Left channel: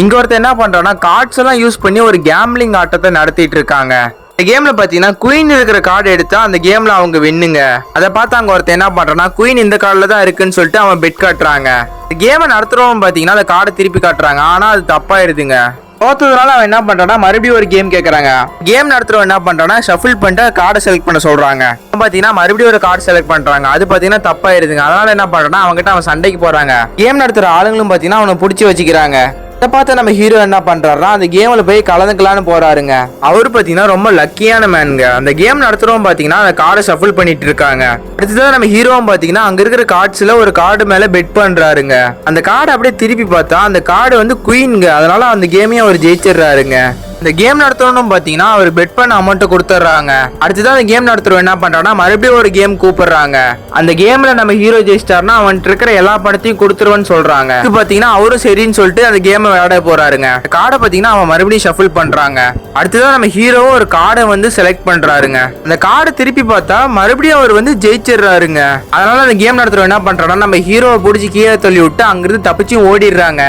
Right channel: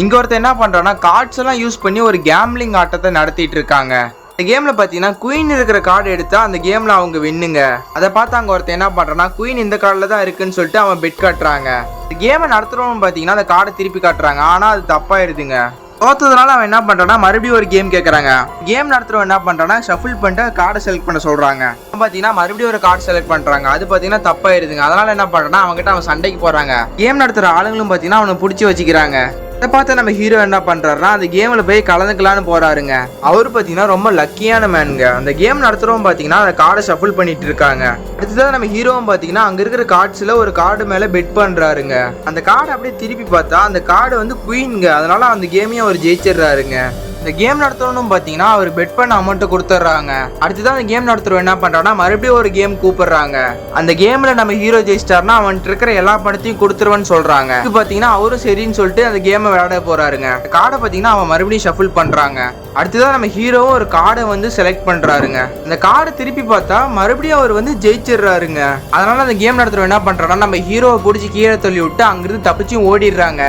இங்க ஒருத்தர் என்ன பண்றான்னா கார்ட்ஸ் எல்லாம் யூஸ் பண்ணி ஒரு கேம்லிங் ஆட்டத்தை நடத்திட்டு இருக்காங்க. இந்த கேம்ல பாத்தீங்கன்னா குயின் இருக்கிற கார்டு எடுத்தா அந்த கேம்ல அவங்க வின்னுங்க. அதை பார்த்து அங்க ஒருத்தர் என்ன பண்றான்னா குயின் இந்த கார்டுல தான் இருக்குன்னு சொல்லிட்டு அவன் பெட் காட்டுறாங்க. இந்த கேமை நடத்துறவன் பாத்தீங்கன்னா அந்த கார்டை திருப்பி காட்டுறாங்க. ஆனா அது தப்பாயிருதுங்க. தோத்ததுனால அவன் என்ன பண்றான்னா மறுபடியும் ஒரு கேம் கேட்கறாங்க. கேம் நடத்துறவன் என்ன பண்றான்னா ஷஃபிள் பண்ணிட்டு கார்டை செலக்ட் பண்ண சொல்றாங்க. பாத்தீங்கன்னா மறுபடியும் ஒரு கார்டு செலக்ட் பண்றாங்க. அது பாத்தீங்கன்னா தப்பாயிருதுங்க. அதனால என்ன பண்றான்னா அவங்ககிட்ட அவன் சண்டைக்கு போறாங்க. கேம் நடத்துற ஆளுங்களும் பாத்தீங்கன்னா அவனை பிடிச்சி வச்சுக்கிறாங்க. இதை பார்த்து நம்ம ஹீரோ என்ன பண்றாருன்னா அந்த கேம்ல போய் கலந்துக்கலான்னு போறாருங்க. அவரு பாத்தீங்கன்னா ரொம்ப லக்கியான மேனுங்க. அந்த கேம் நடத்துறவங்க பாத்தீங்கன்னா அந்த கார்டை ஷஃபிள் பண்ணிட்டு இருக்காங்க. அடுத்ததான் நம்ம ஹீரோவும் பாத்தீங்கன்னா அங்க இருக்கிற கார்ட்ஸ்ல ஒரு கார்டு மேல பெட் பண்றாருங்க. அந்த கார்டை அப்படியே திருப்பி பார்த்தா அந்த கார்டு வந்து குயின்ங்க. அதனால அந்த கேமையும் அவர் ஜெயிச்சிடுறாருங்க. இந்த கேம் நடத்தணும் பாத்தீங்கன்னா அவர் பெட் பண்ண அமௌண்ட் கொடுத்துட்றாங்க. அடுத்ததான் அந்த கேம் நடத்துறவன் என்ன பண்றான்னா மறுபடியும் ஒரு கேம் கூப்பிடுறாங்க. அந்த கேம்ல நம்ம ஹீரோ ஜெயிச்சிட்டாருன்னா அவன்கிட்ட இருக்கிற எல்லா பணத்தையும் கொடுத்துருவேன்னு சொல்றாங்க. இது பாத்தீங்கன்னா அவரும் சரின்னு சொல்லிட்டு அந்த கேமை விளையாட போறாருங்க. கார்டை பாத்தீங்கன்னா அவன் மறுபடியும் ஷஃபிள் பண்றாங்க. அடுத்ததான் நம்ம ஹீரோ ஒரு கார்டை வந்து செலக்ட் பண்றாருங்க. அந்த கார்டை திருப்பி பார்த்தா மறுபடியும் அவர் வந்து ஜெயிச்சிடுறாருங்க. அதனால அந்த கேம் நடத்துறவன் என்ன பண்றான்னா நம்ம ஹீரோவை பிடிச்சி கீழே தள்ளி விட்டு அங்கிருந்து தப்பிச்சு ஓடிடுறாங்க.